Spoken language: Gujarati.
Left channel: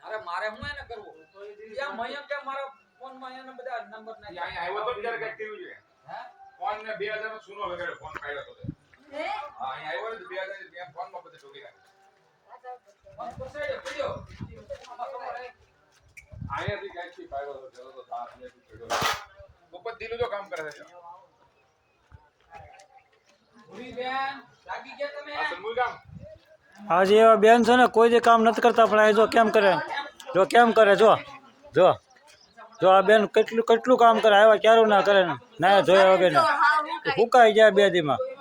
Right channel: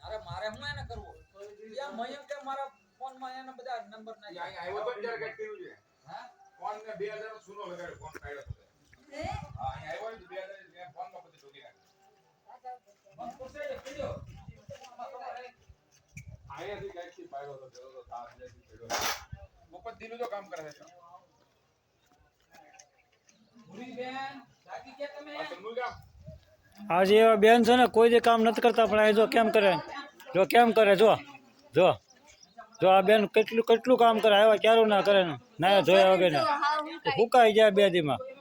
અરે મારે હું એને કરવું યા મયમ કે મારા ફોન માં એને બધા નંબર નાખી અહીંયા આવ્યો તો ત્યારે કઈ કર્યું છે હે ફોન ને 2000 નો સુનો વગાડ્યો ફોન કાઢ્યો તો હે હા અહીંયા આવ્યો તો 2000 કે ફોન માં બધે ઠોકી નાખ્યો ફોન પોસાડે પડ્યો અહીંયાથી ક્યાંકથી પાડ્યો તો ચલો તો તાપ ને પડ્યો ઉપર દિલું જો કામ કરે છે ભૂરી બેન લાગી ગયા તમે આ સમૂહ કામ આજે એવા બેન છે ને કોઈ જે કામ નથી કરતા પણ આ જો કેમ કરે જો કેમ કરે જો જો જો આ બેન કેટલું કામ કરે આવ્યા ક્યારું ના કરે ને ના જોયા વગર હુકાઈ ગયા બે દીમાં